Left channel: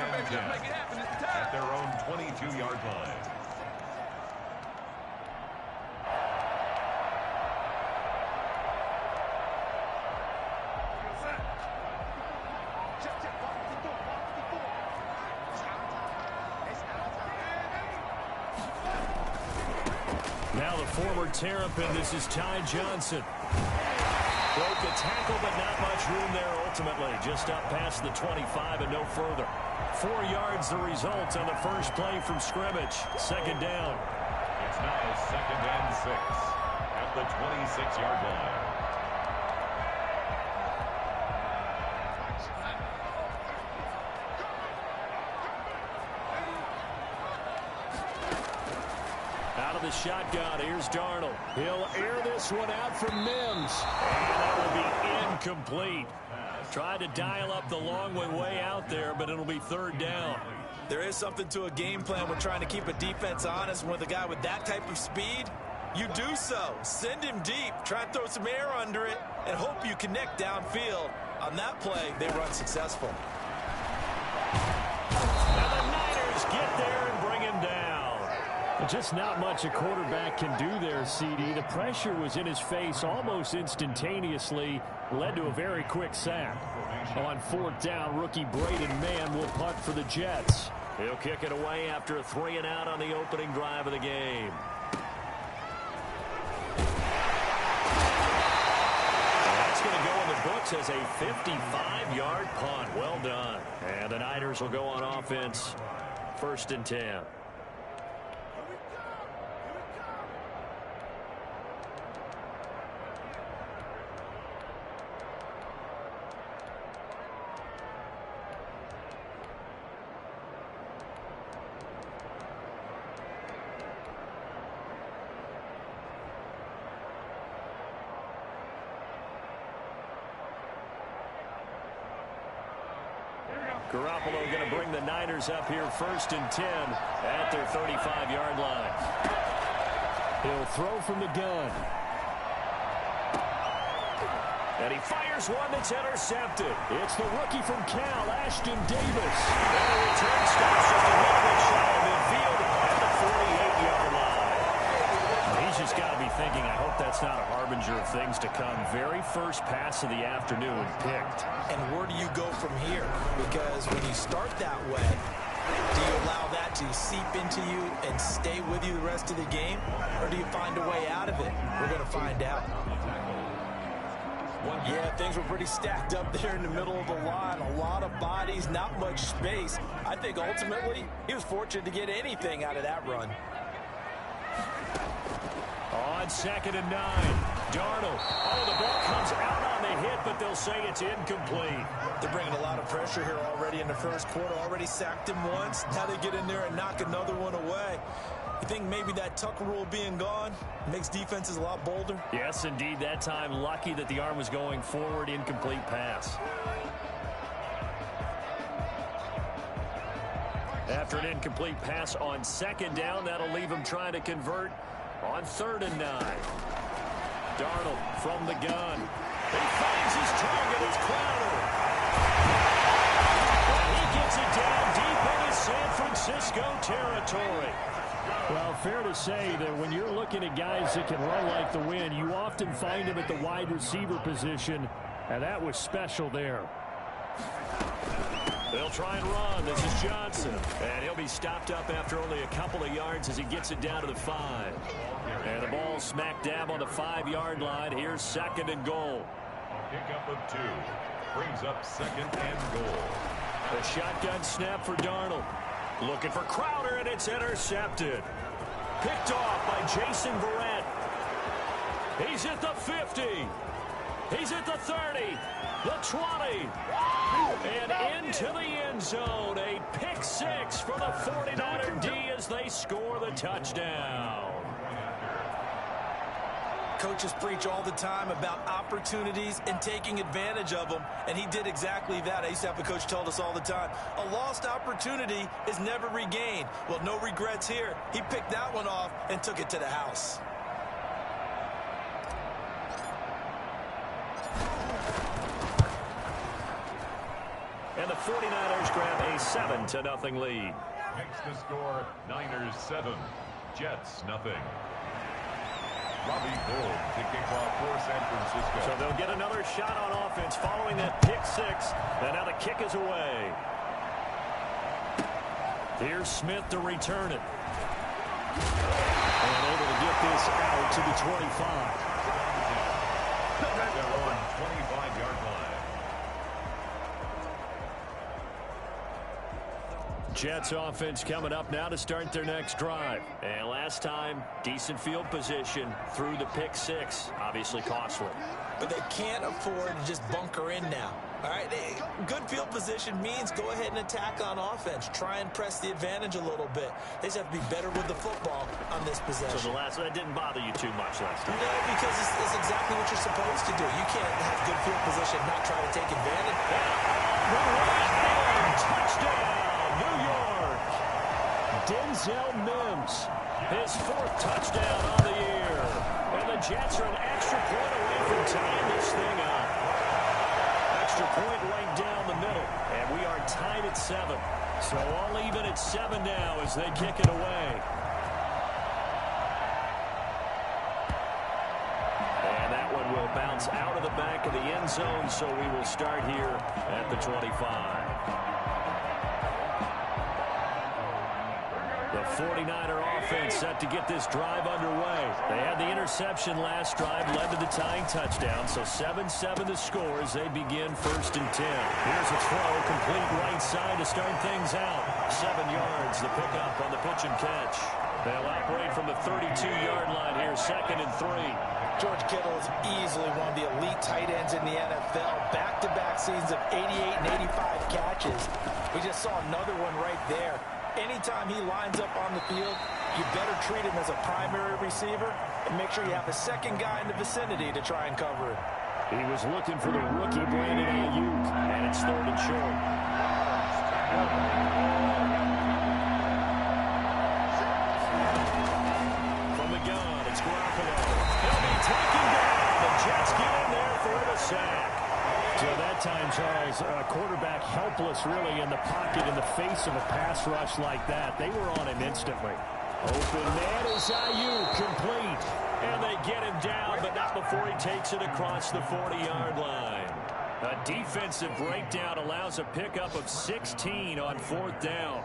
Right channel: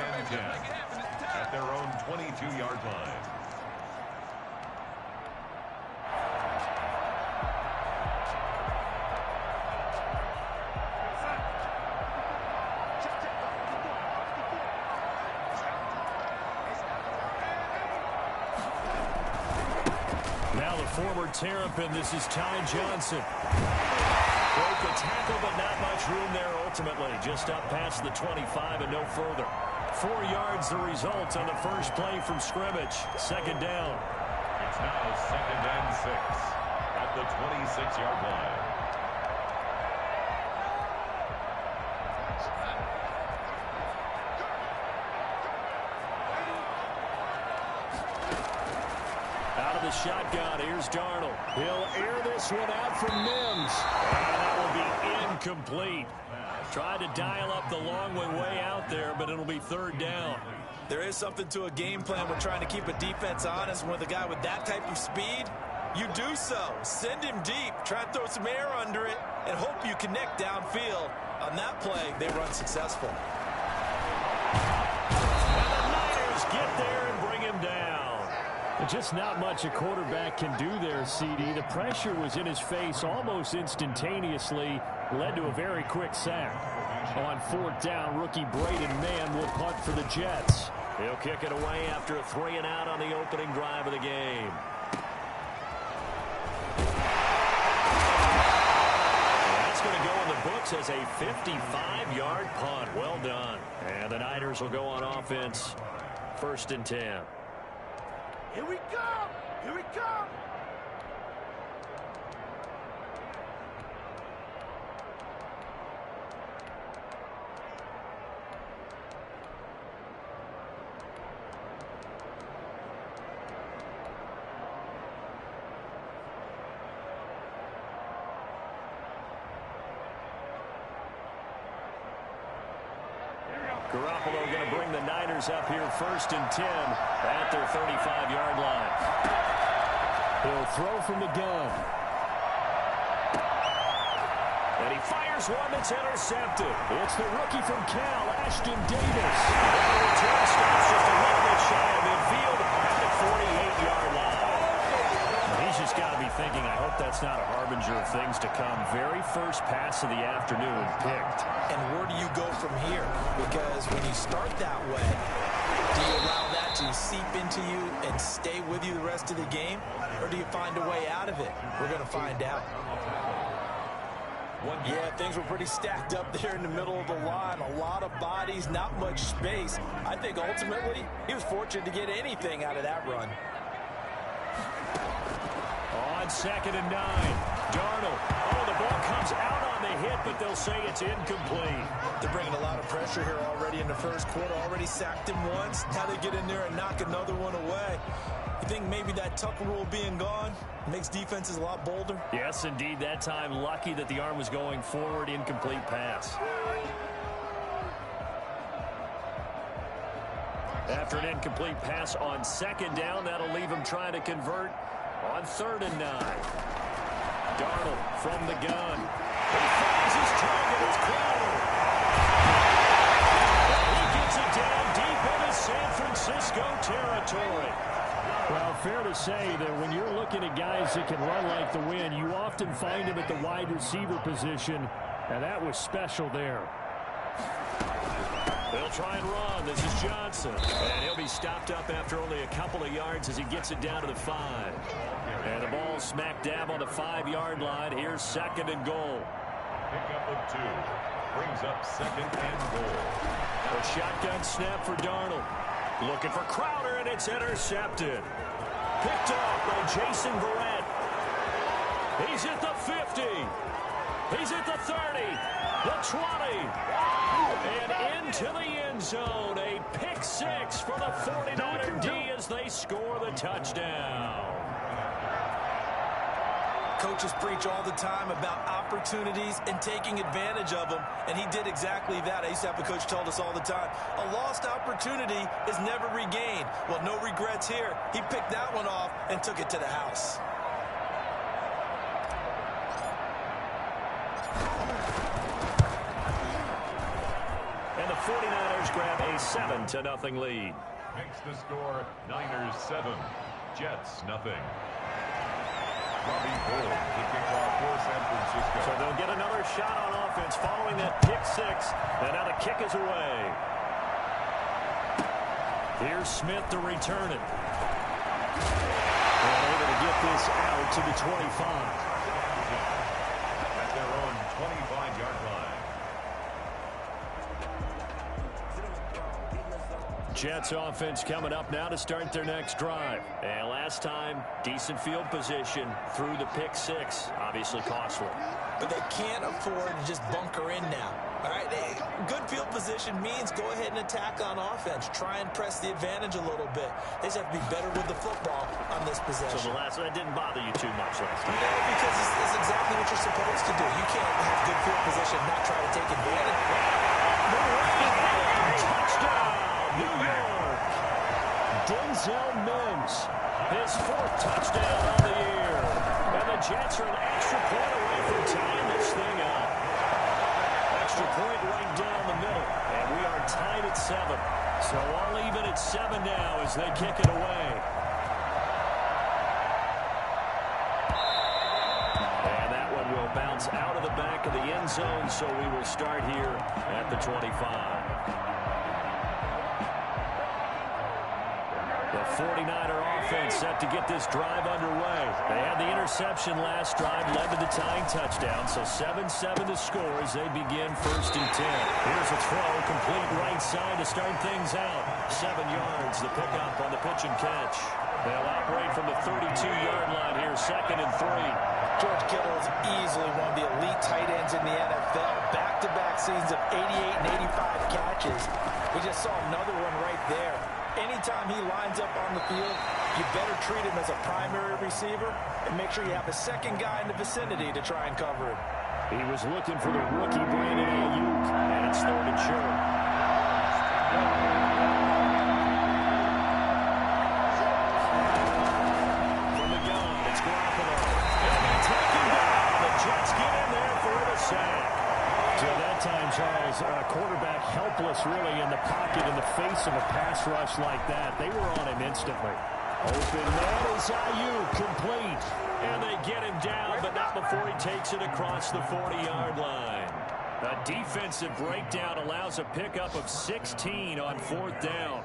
and 10 at their own 22-yard line. Now the former Terrapin, this is Ty Johnson. Broke a tackle, but not much room there ultimately. Just up past the 25 and no further. 4 yards the result on the first play from scrimmage. Second down. It's now 2nd and 6 at the 26-yard line. Out of the shotgun, here's Darnold. He'll air this one out for Mims. And that will be incomplete. Tried to dial up the long way out there, but it'll be 3rd down. There is something to a game plan when trying to keep a defense honest. With a guy with that type of speed, you do so. Send him deep. Try and throw some air under it and hope you connect downfield. On that play, they were unsuccessful. And the Niners get there and bring him down. Just not much a quarterback can do there, CD. The pressure was in his face almost instantaneously. Led to a very quick sack. On 4th down, rookie Braden Mann will punt for the Jets. He'll kick it away after a 3-and-out on the opening drive of the game. That's going to go in the books as a 55-yard punt. Well done. And the Niners will go on offense. 1st and 10. Here we come! Here we come! Garoppolo going to bring the Niners up here 1st and 10 at their 35-yard line. He'll throw from the gun. And he fires one that's intercepted. It's the rookie from Cal, Ashton Davis. And the return stops just a little bit shy of midfield at the 48-yard line. He's just got to be thinking, I hope that's not a harbinger of things to come. Very first pass of the afternoon picked. And where do you go from here? Because when you start that way, do you allow that to seep into you and stay with you the rest of the game? Or do you find a way out of it? We're going to find out. Yeah, things were pretty stacked up there in the middle of the line. A lot of bodies, not much space. I think ultimately he was fortunate to get anything out of that run. On 2nd and 9, Darnold. Oh, the ball comes out on the hit, but they'll say it's incomplete. They're bringing a lot of pressure here already in the first quarter. Already sacked him once. Now they get in there and knock another one away. You think maybe that tuck rule being gone makes defenses a lot bolder? Yes, indeed. That time, lucky that the arm was going forward. Incomplete pass. After an incomplete pass on 2nd down, that'll leave him trying to convert on 3rd and 9. Darnold from the gun. He finds his target. It's Crowder. And he gets it down deep into San Francisco territory. Well, fair to say that when you're looking at guys that can run like the wind, you often find them at the wide receiver position, and that was special there. They'll try and run. This is Johnson. And he'll be stopped up after only a couple of yards as he gets it down to the 5. And the ball smack dab on the 5-yard line. Here's 2nd and goal. A pickup of 2 brings up 2nd and goal. A shotgun snap for Darnold. Looking for Crowder, and it's intercepted. Picked off by Jason Verrett. He's at the 50. He's at the 30. The 20. And into the end zone. A pick 6 for the 49er D as they score the touchdown. Coaches preach all the time about opportunities and taking advantage of them, and he did exactly that. I used to have a coach tell us all the time, a lost opportunity is never regained. Well, no regrets here. He picked that one off and took it to the house. And And the 49ers grab a 7-0 lead. Makes the score Niners 7, Jets nothing. Robbie Gould to kick off for San Francisco. So they'll get another shot on offense following that pick six. And now the kick is away. Here's Smith to return it. And able to get this out to the 25. At their own 25-yard line. Jets offense coming up now to start their next drive. And last time, decent field position through the pick six. Obviously costly. But they can't afford to just bunker in now. All right, good field position means go ahead and attack on offense. Try and press the advantage a little bit. They just have to be better with the football on this possession. So the last one didn't bother you too much last time? No, because it's exactly what you're supposed to do. You can't have good field position, not try to take advantage. Touchdown, New York. Denzel Mims, his 4th touchdown on the year. And the Jets are an extra point away from tying this thing up. Extra point right down the middle. And we are tied at 7. So all even at 7 now as they kick it away. And that one will bounce out of the back of the end zone. So we will start here at the 25. The 49er offense set to get this drive underway. They had the interception last drive, led to the tying touchdown. So 7-7 the score as they begin 1st and 10. Here's a throw, complete right side to start things out. 7 yards, the pickup on the pitch and catch. They'll operate from the 32-yard line here, 2nd and 3. George Kittle is easily one of the elite tight ends in the NFL. Back-to-back seasons of 88 and 85 catches. We just saw another one right there. Anytime he lines up on the field, you better treat him as a primary receiver and make sure you have a second guy in the vicinity to try and cover it. He was looking for the rookie Brandon Ayuk, and it's 3rd and short. From the gun, it's Garoppolo. He'll be taken down. The Jets get in there for the sack. So that time, Charles, quarterback helpless really in the pocket in the face of a pass rush like that. They were on him instantly. Open man is Ayuk, complete. And they get him down, but not before he takes it across the 40-yard line. A defensive breakdown allows a pickup of 16 on 4th down.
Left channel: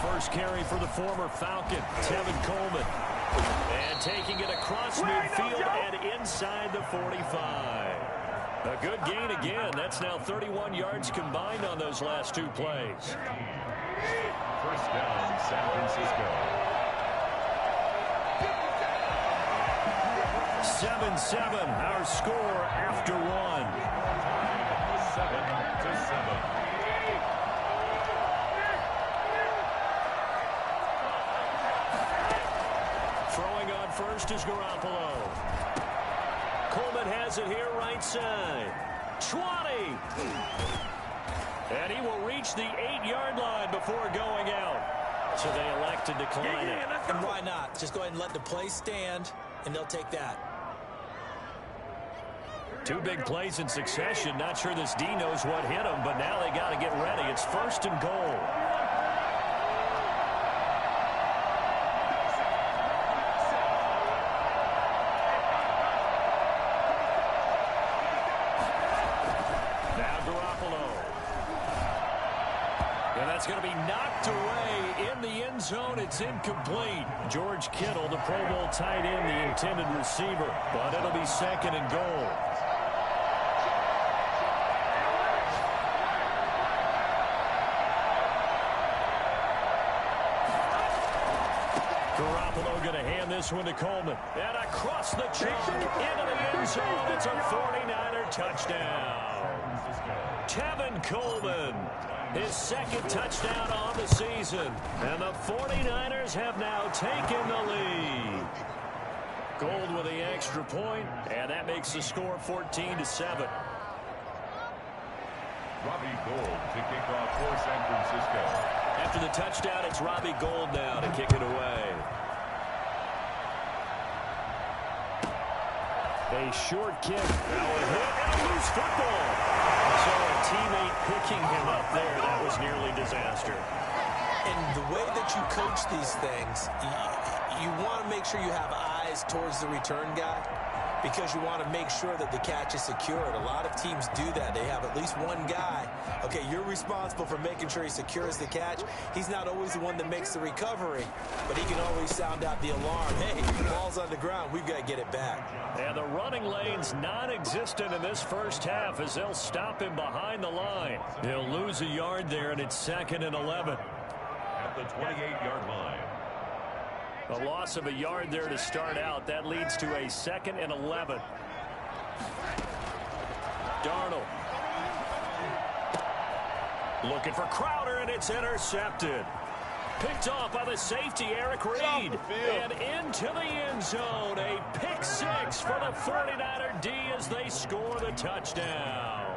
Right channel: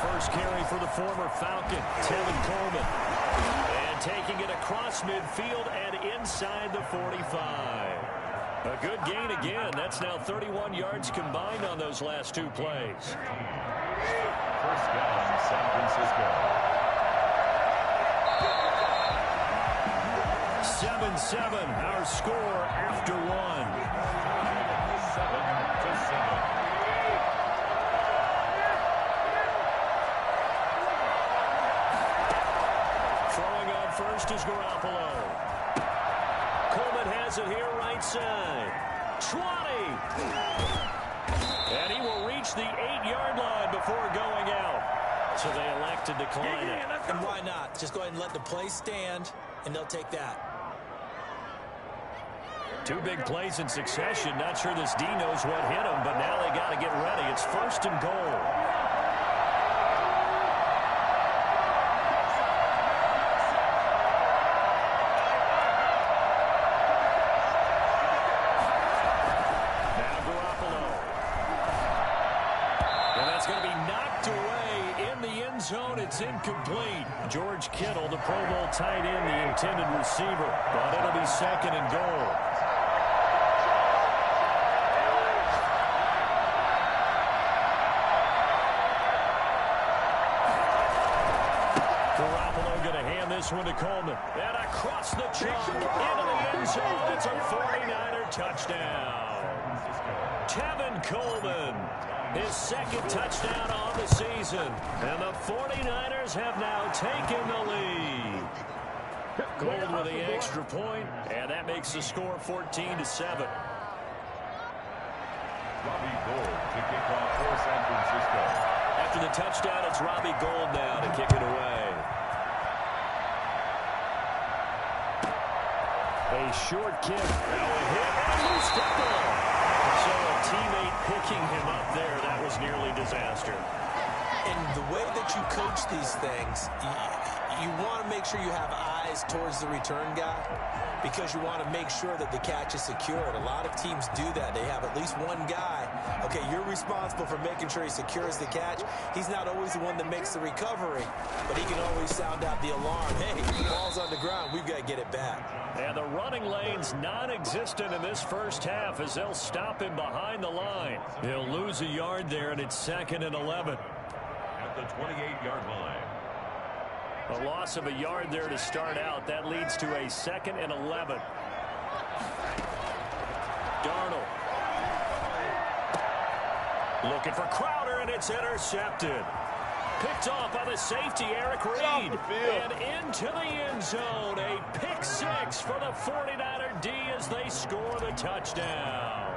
First carry for the former Falcon, Tevin Coleman. And taking it across midfield and inside the 45. A good gain again. That's now 31 yards combined on those last 2 plays. 1st down, San Francisco. 7-7, our score after 1. 7-7. Throwing on first is Garoppolo. Coleman has it here right side. 20. And he will reach the 8-yard line before going out. So they elect to decline it. And why not? Just go ahead and let the play stand, and they'll take that. 2 big plays in succession. Not sure this D knows what hit him, but now they got to get ready. It's 1st and goal. It's going to be knocked away in the end zone. It's incomplete. George Kittle, the Pro Bowl tight end, the intended receiver. But it'll be 2nd and goal. Garoppolo going to hand this one to Coleman. And across the chalk into the end zone. It's a 49er touchdown. Tevin Coleman. His second touchdown on the season. And the 49ers have now taken the lead. Gold with the extra point, and that makes the score 14-7. Robbie Gould to kick off for San Francisco. After the touchdown, it's Robbie Gould now to kick it away. A short kick. Now a hit and a loose football. So a teammate picking him up there, that was nearly disaster. And the way that you coach these things, you want to make sure you have eyes towards the return guy because you want to make sure that the catch is secured. A lot of teams do that. They have at least one guy. Okay, you're responsible for making sure he secures the catch. He's not always the one that makes the recovery, but he can always sound out the alarm. Hey, ball's on the ground. We've got to get it back. And the running lane's non-existent in this first half as they'll stop him behind the line. He'll lose a yard there, and it's 2nd and 11. At the 28-yard line. A loss of a yard there to start out. That leads to a 2nd and 11. Darnold. Looking for Crowder, and it's intercepted. Picked off by the safety, Eric Reed. And into the end zone. A pick six for the 49er D as they score the touchdown.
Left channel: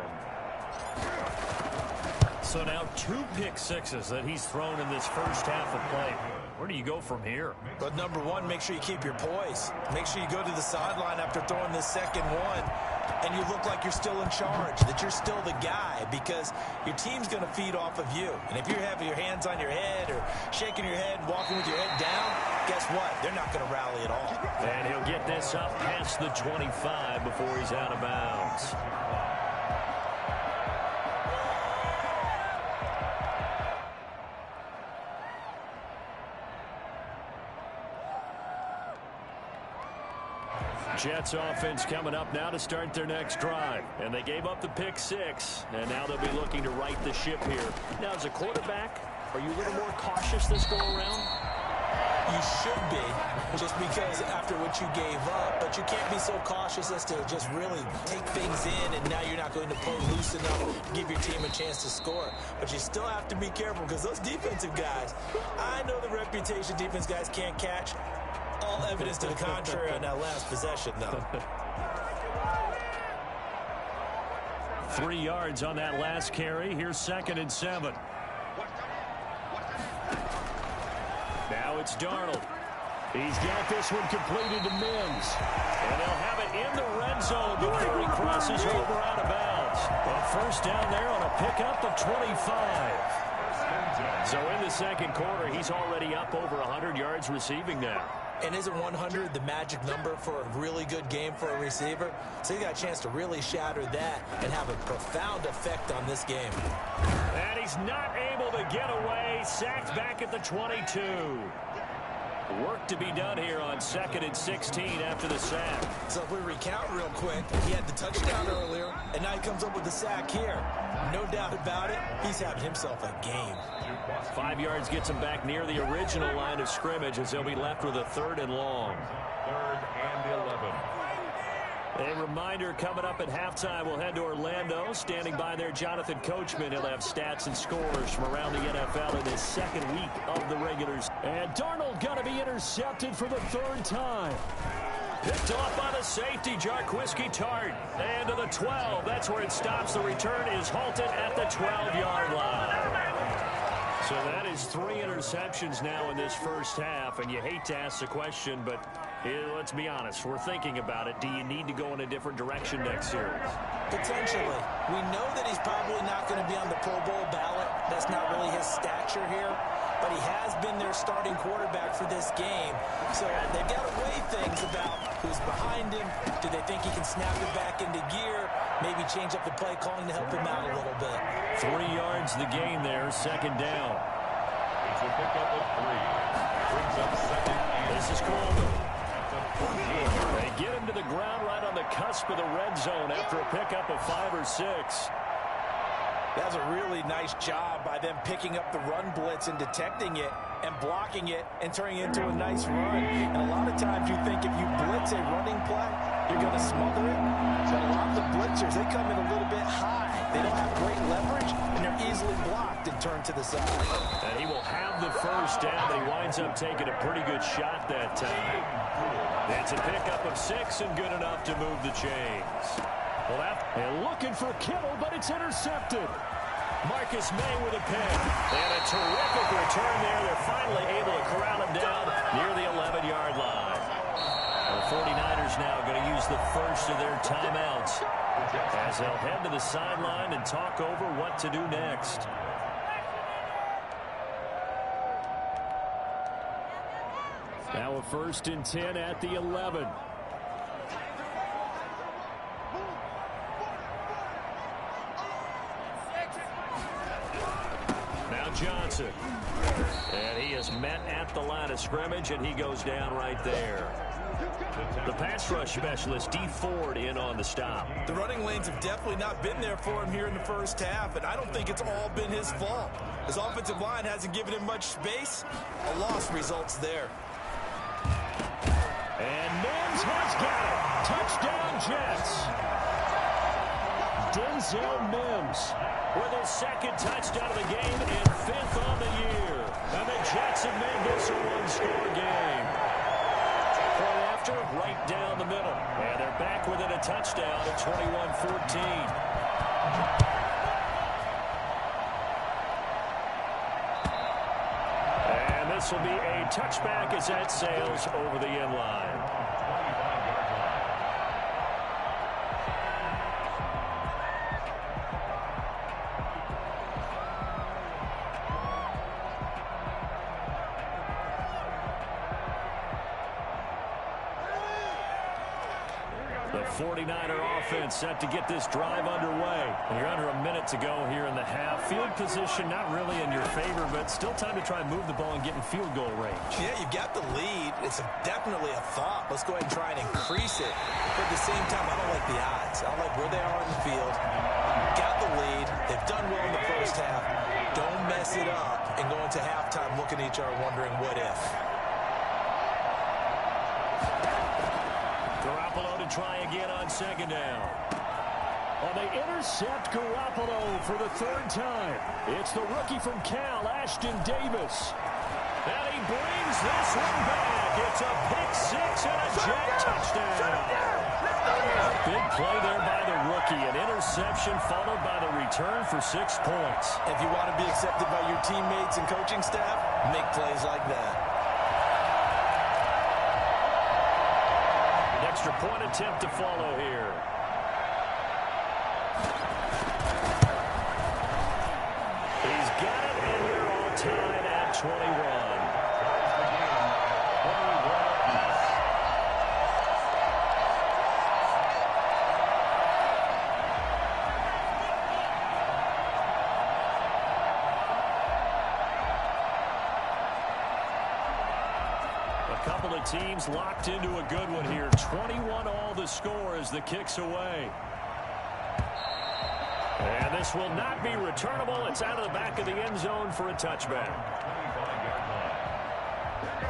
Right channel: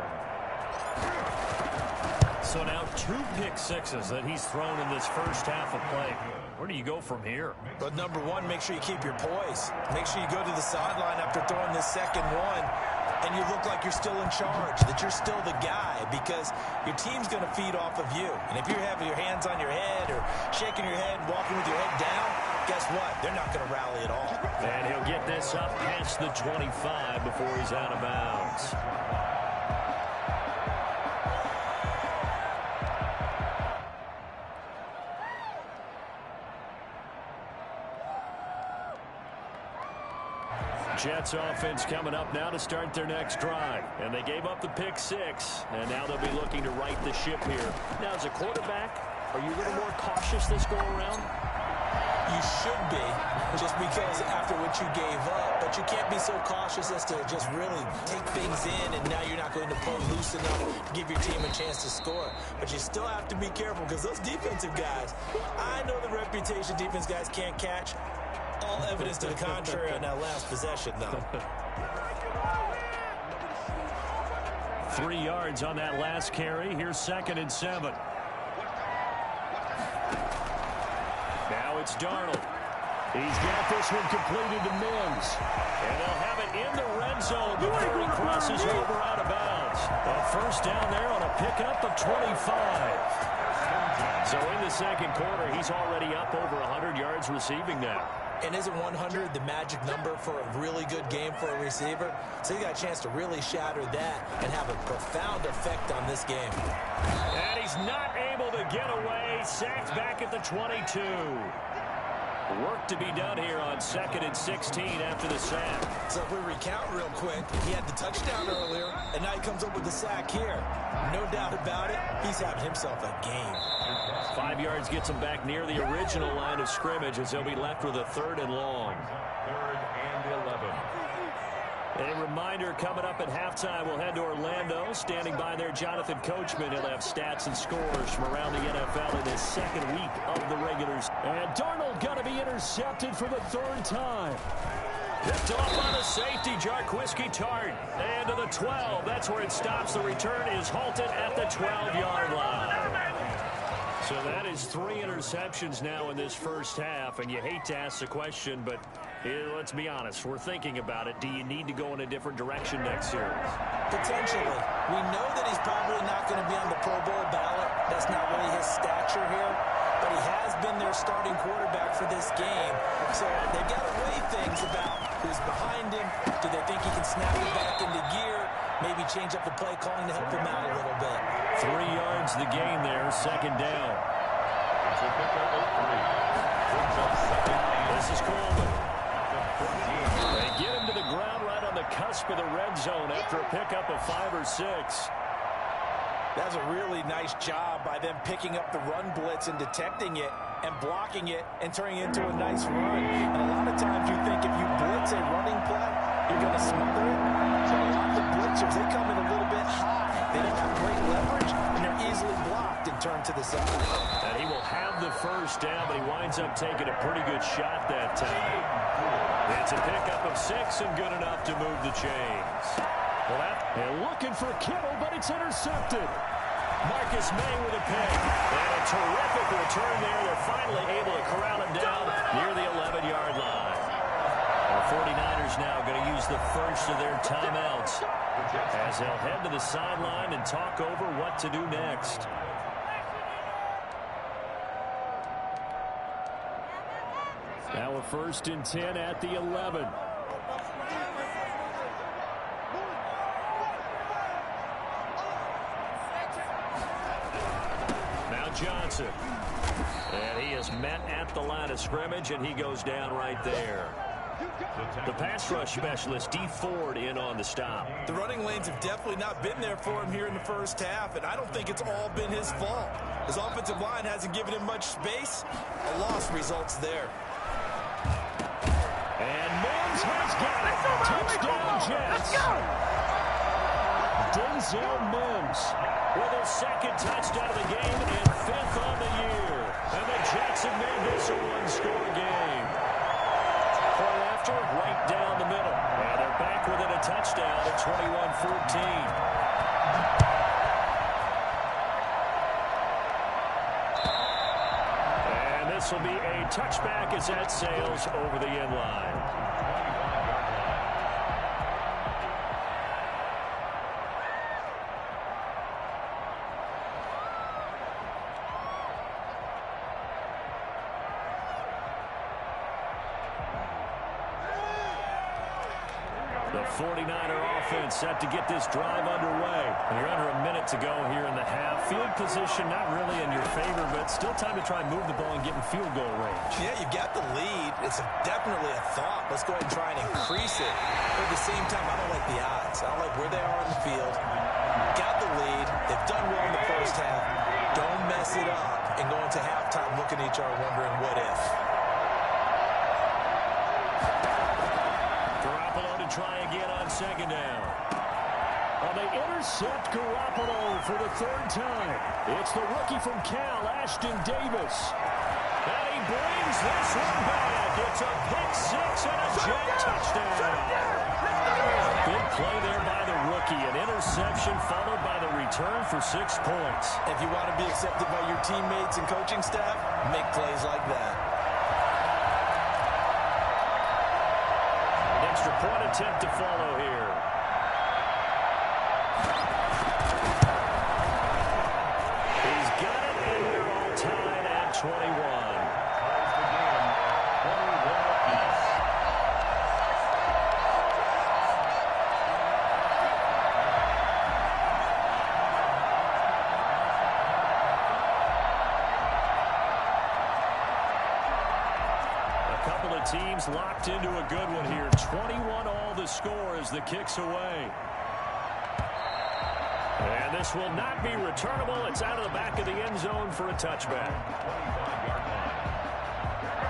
So now 2 pick sixes that he's thrown in this first half of play. Where do you go from here? But number one, make sure you keep your poise. Make sure you go to the sideline after throwing this second one, and you look like you're still in charge, that you're still the guy, because your team's going to feed off of you. And if you're having your hands on your head or shaking your head and walking with your head down, guess what? They're not going to rally at all. And he'll get this up past the 25 before he's out of bounds. Jets offense coming up now to start their next drive. And they gave up the pick six, and now they'll be looking to right the ship here. Now, as a quarterback, are you a little more cautious this go-around? You should be, just because after what you gave up, but you can't be so cautious as to just really take things in, and now you're not going to pull loose enough to give your team a chance to score. But you still have to be careful, because those defensive guys, I know the reputation defense guys can't catch. All evidence to the contrary on that last possession, though. 3 yards on that last carry. Here's 2nd and 7. Now it's Darnold. He's got this one completed to Mims. And they'll have it in the red zone before he crosses over out of bounds. A first down there on a pickup of 25. So in the second quarter, he's already up over 100 yards receiving now. And isn't 100 the magic number for a really good game for a receiver? So he got a chance to really shatter that and have a profound effect on this game. And he's not able to get away. Sacked back at the 22. Work to be done here on 2nd and 16 after the sack. So if we recount real quick, he had the touchdown earlier, and now he comes up with the sack here. No doubt about it, he's having himself a game. 5 yards gets him back near the original line of scrimmage as they'll be left with a 3rd and long. 3rd and 11. A reminder, coming up at halftime, we'll head to Orlando. Standing by there, Jonathan Coachman. He'll have stats and scores from around the NFL in his 2nd week of the regulars. And Darnold going to be intercepted for the 3rd time. Picked off by the safety, Jarquiski Tart. And to the 12. That's where it stops. The return is halted at the 12-yard line. So that is 3 interceptions now in this first half. And you hate to ask the question, but let's be honest. We're thinking about it. Do you need to go in a different direction next series? Potentially. We know that he's probably not going to be on the Pro Bowl ballot. That's not really his stature here. But he has been their starting quarterback for this game. So they've got to weigh things about who's behind him. Do they think he can snap it back into gear? Maybe change up the play calling to help him out a little bit. 3 yards the gain there, 2nd down. It's a pickup of 3. Brings up 2nd and This is Coleman. at the 14. They get him to the ground right on the cusp of the red zone after a pickup of 5 or 6. That's a really nice job by them picking up the run blitz and detecting it and blocking it and turning it into a nice run. And a lot of times you think if you blitz a running play, you're going to smother it. But a lot of the blitzers, they come in a little bit high. They don't have great leverage, and they're easily blocked and turned to the side. And he will have the first down, but he winds up taking a pretty good shot that time. It's a pickup of 6 and good enough to move the chains. Well, and looking for Kittle, but it's intercepted. Marcus May with a pick. And a terrific return there. They're finally able to corral him down near the 11-yard line. The 49ers now going to use the first of their timeouts as they'll head to the sideline and talk over what to do next. Now a 1st and 10 at the 11. Now Johnson. And he is met at the line of scrimmage, and he goes down right there. The pass rush specialist, Dee Ford, in on the stop. The running lanes have definitely not been there for him here in the first half, and I don't think it's all been his fault. His offensive line hasn't given him much space. A loss results there. And Mims has got it. Touchdown, Jets. Denzel Mims with his 2nd touchdown of the game and 5th on the year. And the Jets have made this a one-score game. Point after, right down the middle. And they're back within a touchdown at 21-14. And this will be a touchback as that sails over the end line. 25-yard line. The 49er offense set to get this drive underway. And you're under a minute to go here in the half. Field position not really in your favor, but still time to try and move the ball and get in field goal range. Yeah, you've got the lead. It's definitely a thought. Let's go ahead and try and increase it. But at the same time, I don't like the odds. I don't like where they are in the field. Got the lead. They've done well in the first half. Don't mess it up and go into halftime looking at each other wondering what if. Garoppolo to try again on 2nd down. Well, they intercept Garoppolo for the 3rd time. It's the rookie from Cal, Ashton Davis. And he brings this one back. It's a pick-6 and a Jet touchdown. Big play there by the rookie. An interception followed by the return for 6 points. If you want to be accepted by your teammates and coaching staff, make plays like that. Extra point attempt to follow here. He's got it, and we're all tied at 21. Ties the game at 21 apiece. A couple of teams locked into a good one here. 21 all the score as the kick's away. And this will not be returnable. It's out of the back of the end zone for a touchback. 25-yard line.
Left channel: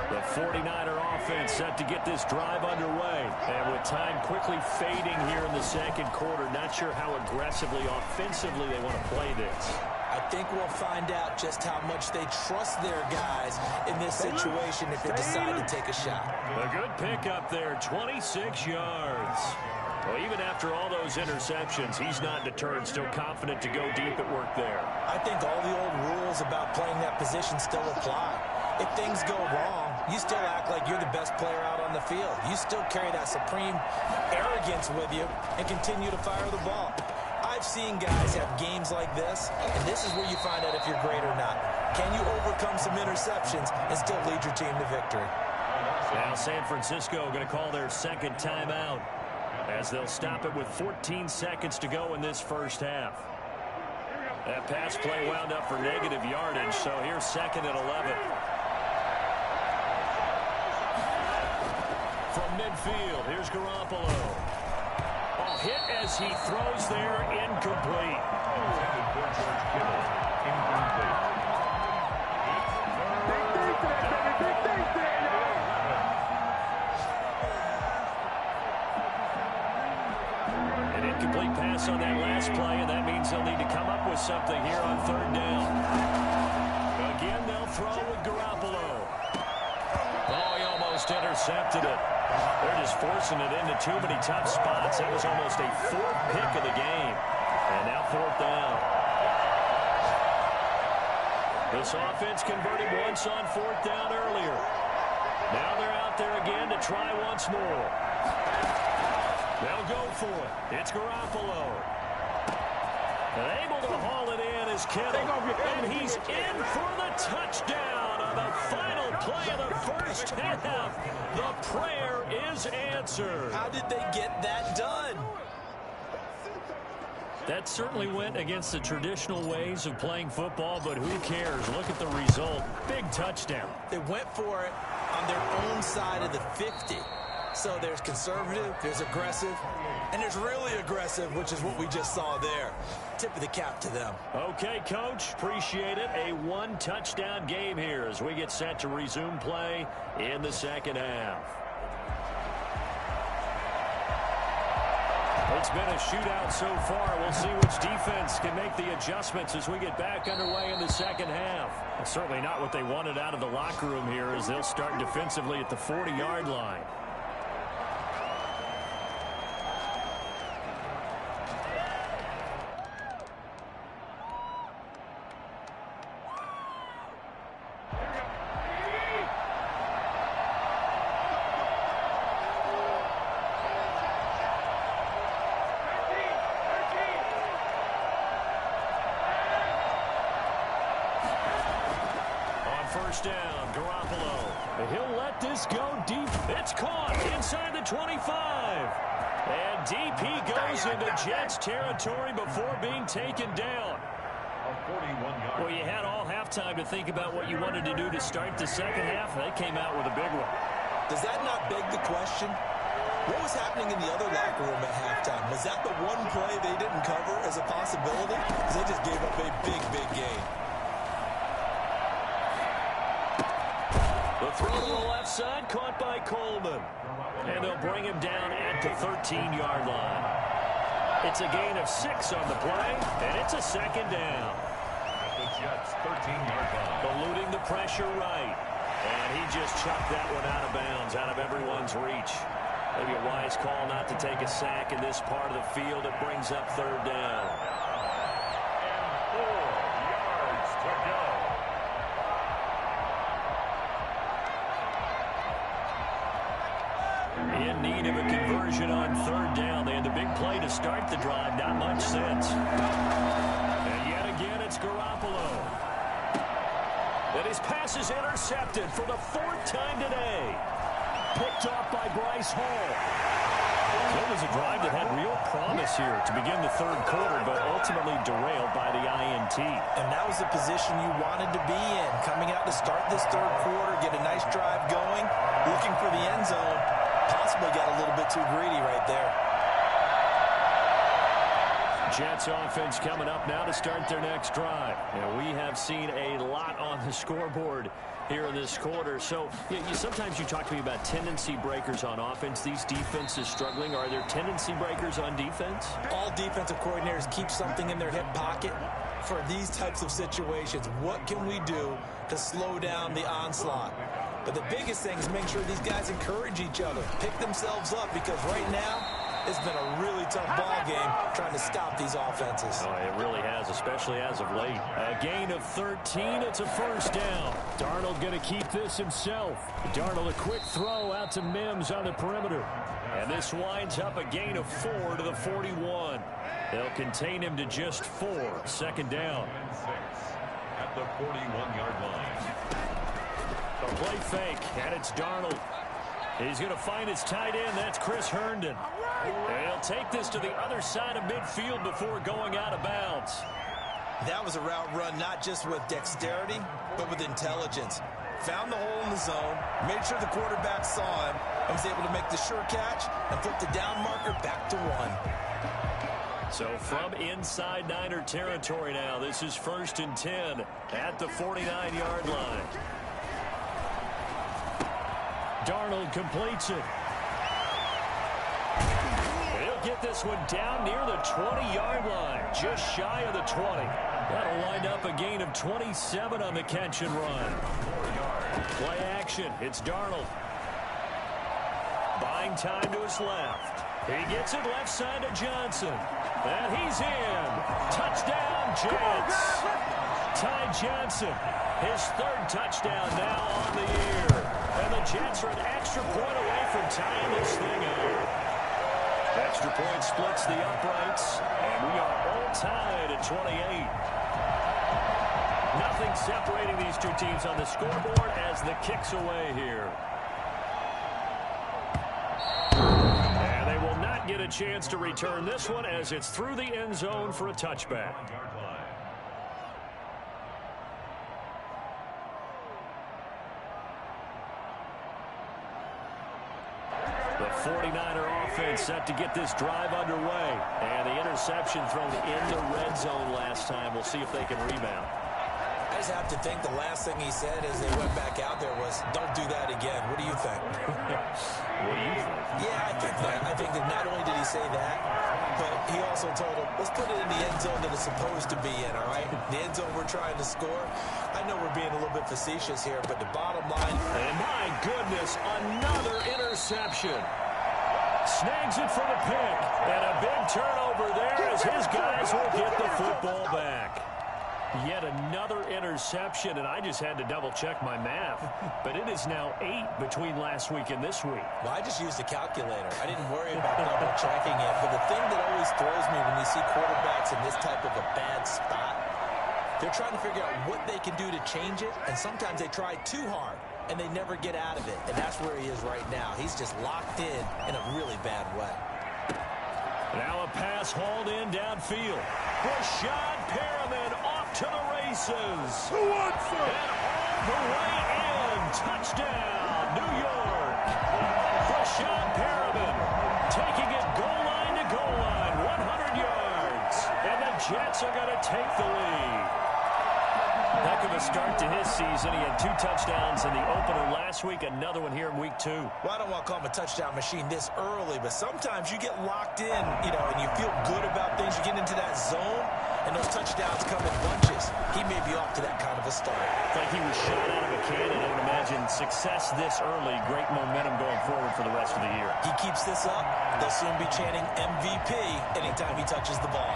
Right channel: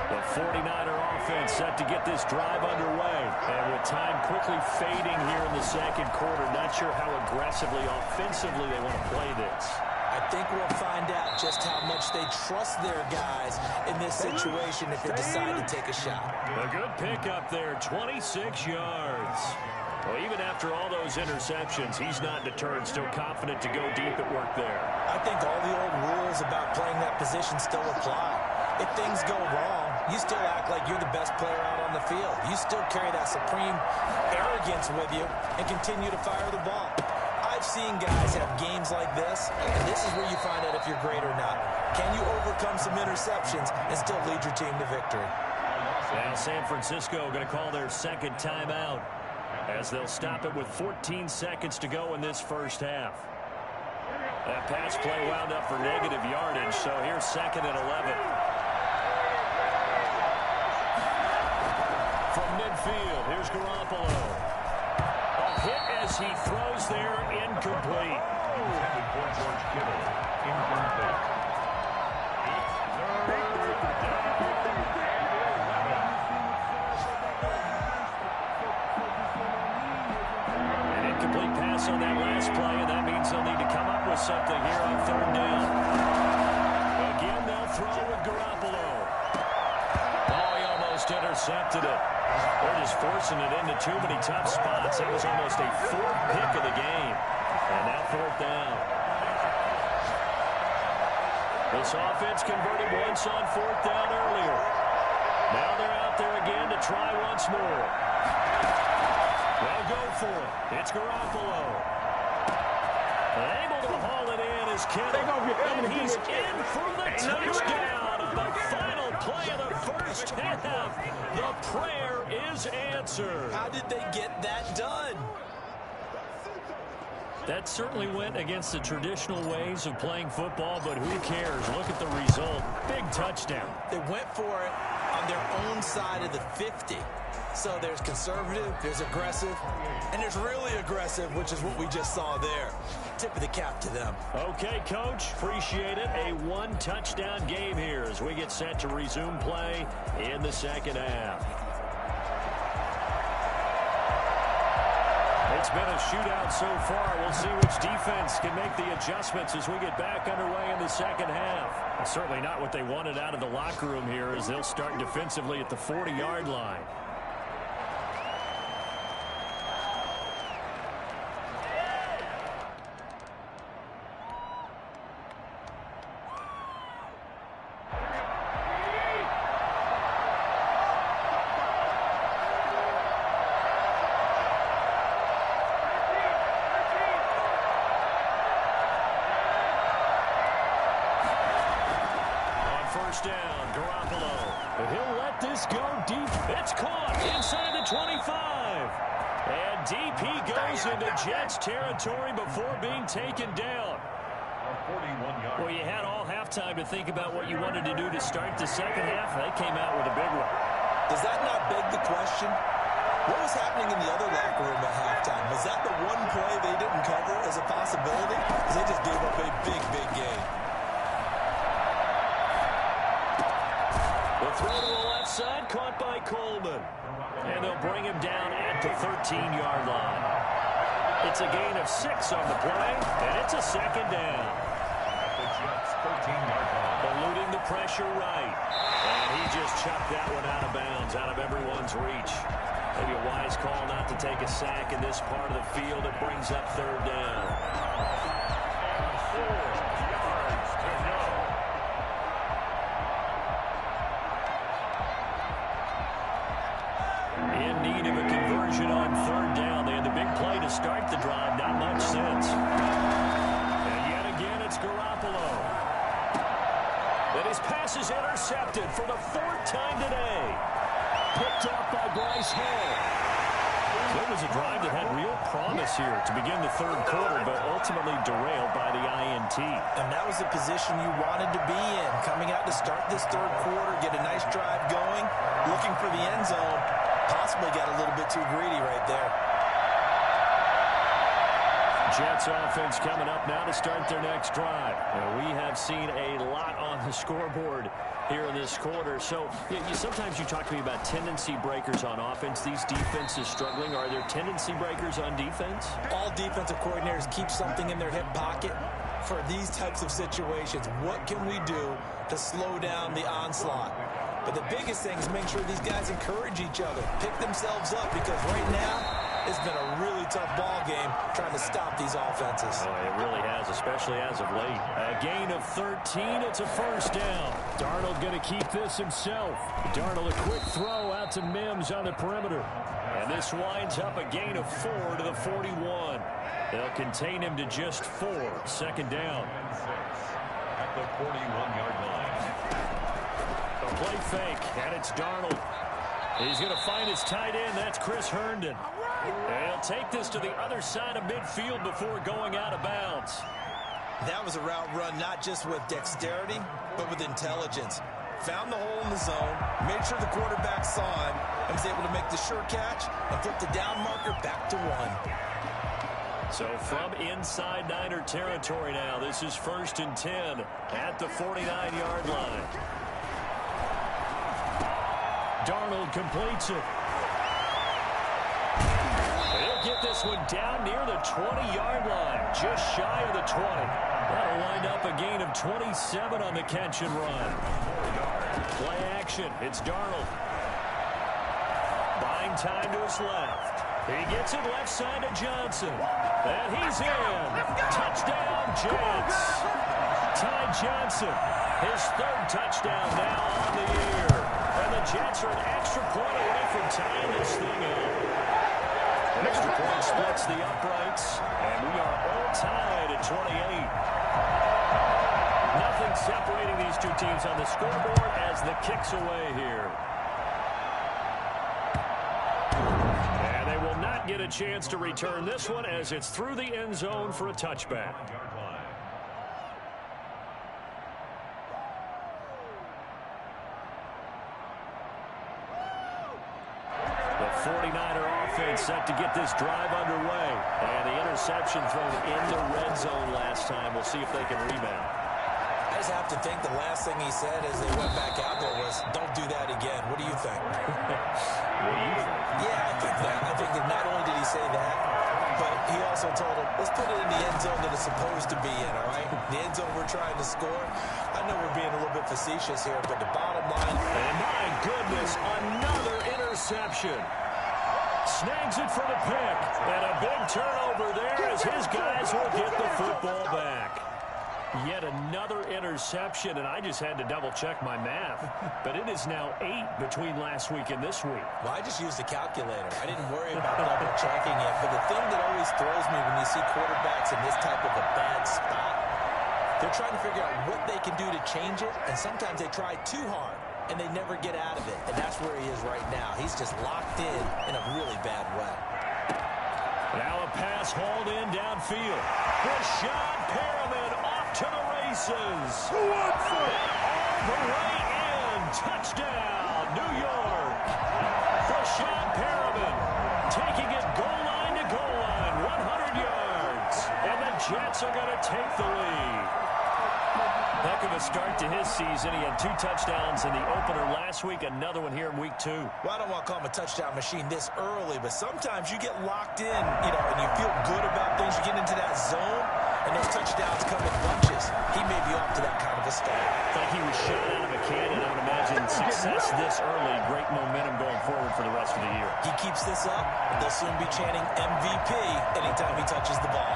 The 49er offense set to get this drive underway. And with time quickly fading here in the 2nd quarter, not sure how aggressively, offensively they want to play this. I think we'll find out just how much they trust their guys in this situation if they decide to take a shot. A good pickup there, 26 yards. Well, even after all those interceptions, he's not deterred, still confident to go deep at work there. I think all the old rules about playing that position still apply. If things go wrong, you still act like you're the best player out on the field. You still carry that supreme arrogance with you and continue to fire the ball. I've seen guys have games like this, and this is where you find out if you're great or not. Can you overcome some interceptions and still lead your team to victory? Now San Francisco going to call their 2nd timeout as they'll stop it with 14 seconds to go in this first half. That pass play wound up for negative yardage, so here's 2nd and 11. From midfield, here's Garoppolo. Oh, hit as he throws there, incomplete. Intended for George Kittle. Incomplete. An incomplete pass pass on that last play, and that means they'll need to come up with something here on third down. Again, they'll throw with Garoppolo. Oh, he almost intercepted it. They're just forcing it into too many tough spots. That was almost a fourth pick of the game. And now fourth down. This offense converted once on fourth down earlier. Now they're out there again to try once more. They'll go for it. It's Garoppolo. Able to haul it in is Kittle. And he's in for the touchdown on the final play of the first half. The prayer is answered. How did they get that done? That certainly went against the traditional ways of playing football, but who cares? Look at the result. Big touchdown. They went for it on their own side of the 50. So there's conservative, there's aggressive, and there's really aggressive, which is what we just saw there. Tip of the cap to them. Okay, Coach, appreciate it. A one-touchdown game here as we get set to resume play in the second half. It's been a shootout so far. We'll see which defense can make the adjustments as we get back underway in the second half. That's certainly not what they wanted out of the locker room here as they'll start defensively at the 40-yard line. First down, Garoppolo. He'll let this go deep. It's caught inside the 25. And deep he goes into Jets territory before being taken down. Well, you had all halftime to think about what you wanted to do to start the second half. They came out with a big one. Does that not beg the question? What was happening in the other locker room at halftime? Was that the one play they didn't cover as a possibility? Because they just gave up a big, big game. The throw to the left side, caught by Coleman. And they'll bring him down at the 13-yard line. It's a gain of 6 on the play, and it's a second down. At the Jets' 13-yard line. Eluding the pressure right. And he just chucked that one out of bounds, out of everyone's reach. Maybe a wise call not to take a sack in this part of the field. It brings up third down. And 4 yards to go. In need of a conversion on third down. They had the big play to start the drive. Not much since. And yet again, it's Garoppolo. And his pass is intercepted for the 4th time today. Picked off by Bryce Hall. So it was a drive that had real promise here to begin the third quarter, but ultimately derailed by the INT. And that was the position you wanted to be in. Coming out to start this third quarter, get a nice drive going, looking for the end zone. Possibly got a little bit too greedy right there. Jets offense coming up now to start their next drive. And we have seen a lot on the scoreboard here in this quarter. So sometimes you talk to me about tendency breakers on offense. These defenses struggling. Are there tendency breakers on defense? All defensive coordinators keep something in their hip pocket for these types of situations. What can we do to slow down the onslaught? But the biggest thing is make sure these guys encourage each other, pick themselves up, because right now it's been a really tough ball game trying to stop these offenses. Oh, it really has, especially as of late. A gain of 13. It's a first down. Darnold going to keep this himself. Darnold, a quick throw out to Mims on the perimeter. And this winds up a gain of 4 to the 41. They'll contain him to just 4. Second down. And 6 at the 41-yard line. A play fake, and it's Darnold. He's going to find his tight end. That's Chris Herndon. And he'll take this to the other side of midfield before going out of bounds. That was a route run not just with dexterity, but with intelligence. Found the hole in the zone, made sure the quarterback saw him, and was able to make the sure catch and flip the down marker back to 1. So from inside Niner territory now, this is 1st and 10 at the 49-yard line. Darnold completes it. He'll get this one down near the 20-yard line, just shy of the 20. That'll wind up a gain of 27 on the catch and run. Play action. It's Darnold. Buying time to his left. He gets it left side to Johnson. And he's in. Touchdown, Jets. Ty Johnson, his third touchdown now on the year. And the Jets are an extra point away from tying this thing up. Extra point splits the uprights, and we are all tied at 28. Nothing separating these two teams on the scoreboard as the kick's away here. And they will not get a chance to return this one as it's through the end zone for a touchback. The 49er offense set to get this drive underway. And the interception thrown in the red zone last time. We'll see if they can rebound. I just have to think the last thing he said as they went back out there was, don't do that again. What do you think? What do you think? Yeah, I think that. I think that not only did he say that, but he also told him, let's put it in the end zone that it's supposed to be in, all right? The end zone we're trying to score. I know we're being a little bit facetious here, but the bottom line... And my goodness, another interception. Snags it for the pick. And a big turnover there as his guys will get the football back. Yet another interception, and I just had to double-check my math. But it is now 8 between last week and this week. Well, I just used a calculator. I didn't worry about double-checking it. But the thing that always throws me when you see quarterbacks in this type of a bad spot, they're trying to figure out what they can do to change it, and sometimes they try too hard, and they never get out of it. And that's where he is right now. He's just locked in a really bad way. Now a pass hauled in downfield. Rashad Perriman off to the races. Who wants it? And all the way in. Touchdown, New York. Rashad Perriman taking it goal line to goal line, 100 yards. And the Jets are going to take the lead. Heck of a start to his season. He had 2 touchdowns in the opener last week, another one here in week 2. Well, I don't want to call him a touchdown machine this early, but sometimes you get locked in, and you feel good about things. You get into that zone, and those touchdowns come in bunches. He may be off to that kind of a start. Like he was shot out of a cannon. I would imagine success this early, great momentum going forward for the rest of the year. He keeps this up, they'll soon be chanting MVP anytime he touches the ball.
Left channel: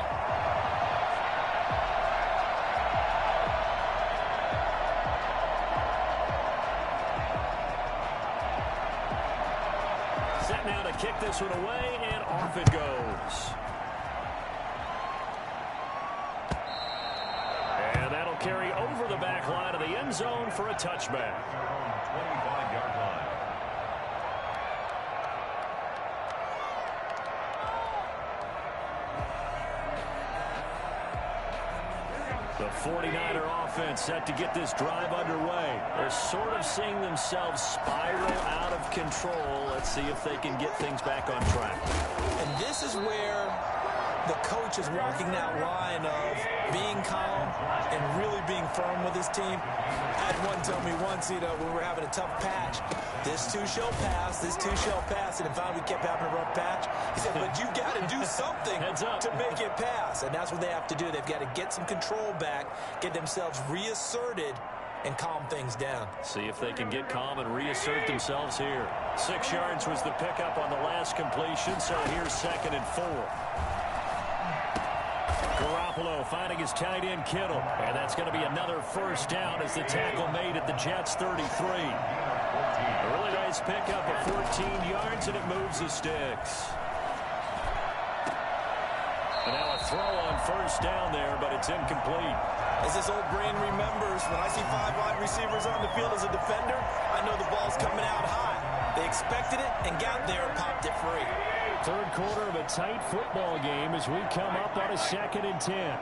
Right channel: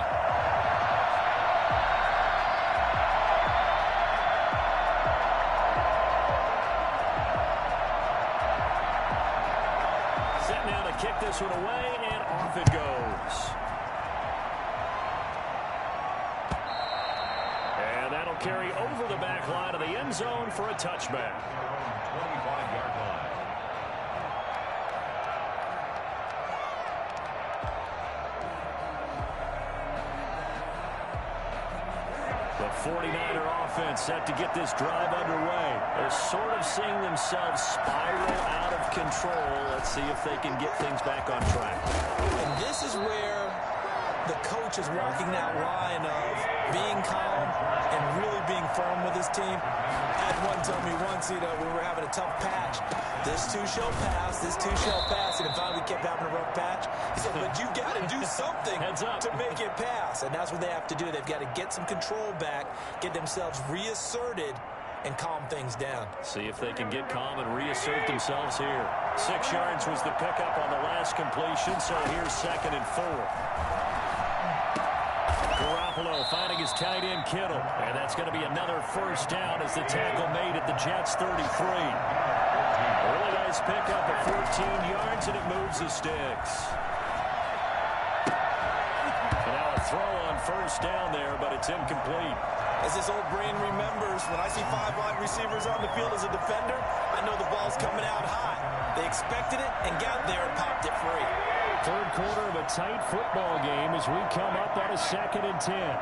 Set now to kick this one away, and off it goes. And that'll carry over the back line of the end zone for a touchback. 25-yard line. The 49er offense set to get this drive underway. They're sort of seeing themselves spiral out of control. Let's see if they can get things back on track. And this is where the coach is walking that line of being calm and really being firm with his team. I had one tell me once, when we were having a tough patch, this too shall pass, this too shall pass. And finally we kept having a rough patch. He said, but you got to do something to make it pass. And that's what they have to do. They've got to get some control back, get themselves reasserted, and calm things down. See if they can get calm and reassert themselves here. 6 yards was the pickup on the last completion, so here's 2nd and 4. Garoppolo finding his tight end Kittle. And that's going to be another first down as the tackle made at the Jets 33. A really nice pickup of 14 yards, and it moves the sticks. And now a throw on first down there, but it's incomplete. As this old brain remembers, when I see 5 wide receivers on the field as a defender, I know the ball's coming out high. They expected it and got there and popped it free. Third quarter of a tight football game as we come up on a 2nd and 10.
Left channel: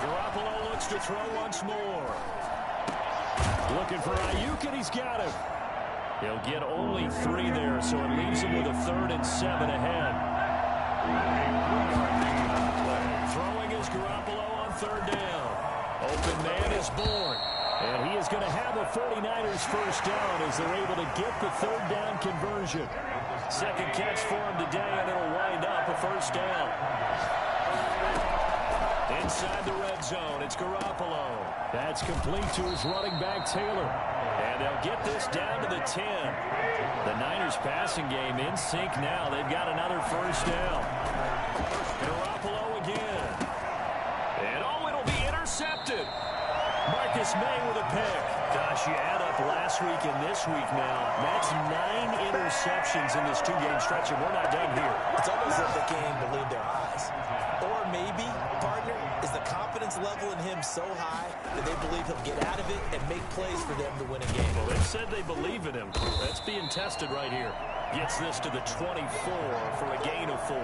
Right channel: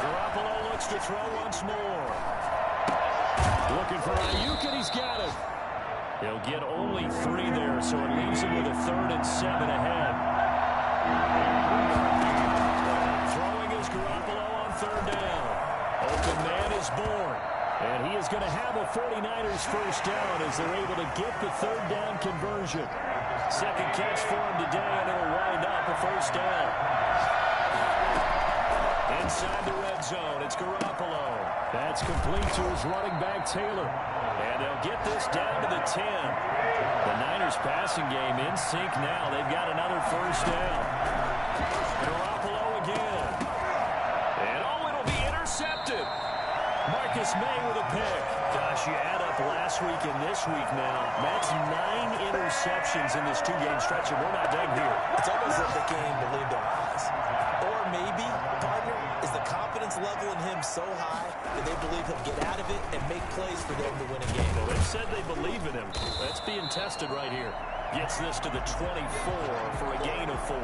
Garoppolo looks to throw once more. Looking for Ayuk, and he's got him. He'll get only 3 there, so it leaves him with a 3rd and 7 ahead. Throwing is Garoppolo on 3rd down. Open man is Bourne. And he is going to have a 49ers first down as they're able to get the third down conversion. Second catch for him today, and it'll wind up a first down. Inside the red zone, it's Garoppolo. That's complete to his running back, Taylor. And they'll get this down to the 10. The Niners passing game in sync now. They've got another first down. Garoppolo again. And it'll be intercepted. Marcus May with a pick. Gosh, you add up last week and this week now. That's 9 interceptions in this two-game stretch, and we're not done here. It's almost like they can't even believe their eyes. Or maybe, partner, is the confidence level in him so high that they believe he'll get out of it and make plays for them to win a game. Well, they've said they believe in him. That's being tested right here. Gets this to the 24 for a gain of 4.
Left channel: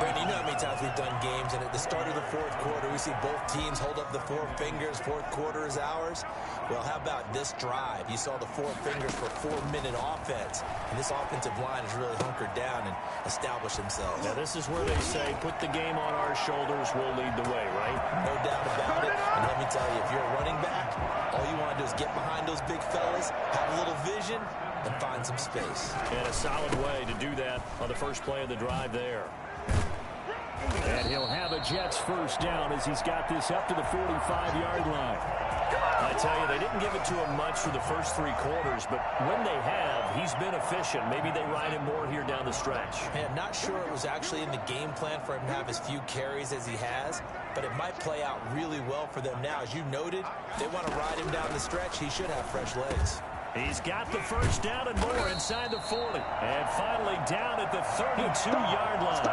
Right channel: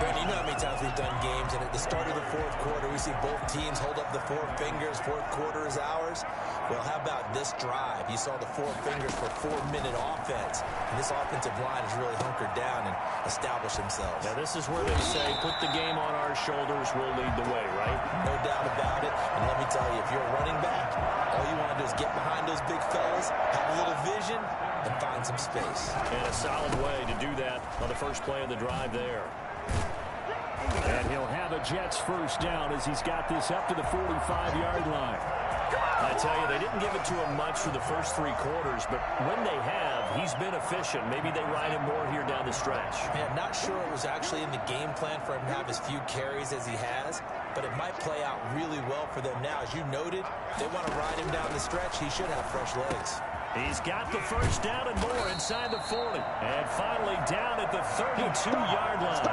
Brandon, you know how many times we've done games, and at the start of the fourth quarter, we see both teams hold up the 4 fingers. Fourth quarter is ours. Well, how about this drive? You saw the 4 fingers for 4-minute offense, and this offensive line has really hunkered down and established themselves. Now, this is where they say, put the game on our shoulders, we'll lead the way, right? No doubt about it. And let me tell you, if you're a running back, all you want to do is get behind those big fellas, have a little vision, and find some space. And a solid way to do that on the first play of the drive there. And he'll have a Jets first down as he's got this up to the 45-yard line. I tell you, they didn't give it to him much for the first 3 quarters, but when they have, he's been efficient. Maybe they ride him more here down the stretch. Man, not sure it was actually in the game plan for him to have as few carries as he has, but it might play out really well for them now. As you noted, they want to ride him down the stretch. He should have fresh legs. He's got the first down and more inside the 40. And finally down at the 32-yard line.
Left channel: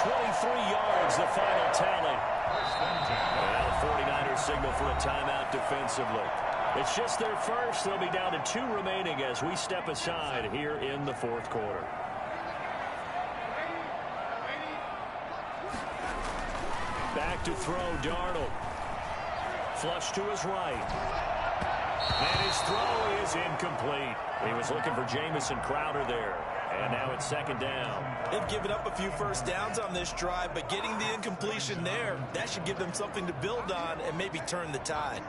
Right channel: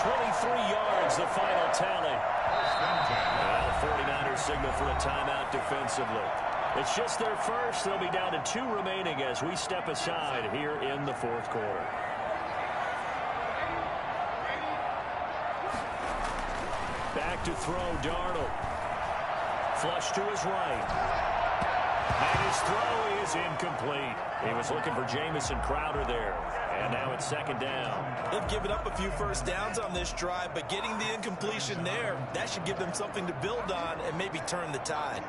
23 yards, the final tally. Well, the 49ers signal for a timeout defensively. It's just their first. They'll be down to 2 remaining as we step aside here in the fourth quarter. Back to throw, Darnold. Flush to his right. And his throw is incomplete. He was looking for Jamison Crowder there. And now it's second down. They've given up a few first downs on this drive, but getting the incompletion there, that should give them something to build on and maybe turn the tide.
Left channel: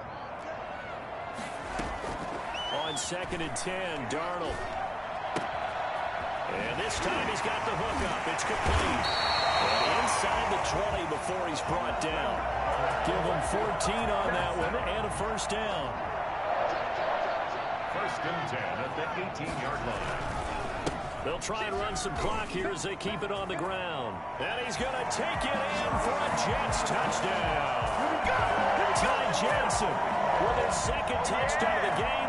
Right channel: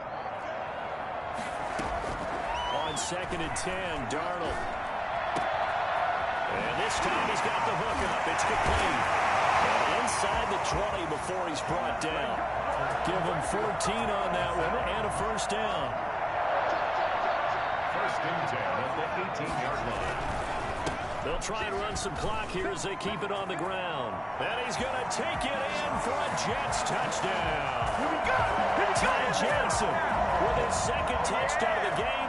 On 2nd and 10, Darnold. And this time he's got the hook up. It's complete. And inside the 20 before he's brought down. Give him 14 on that one and a first down. First and 10 at the 18-yard line. They'll try and run some clock here as they keep it on the ground. And he's going to take it in for a Jets touchdown. Here we go. Ty Jensen with his second touchdown of the game.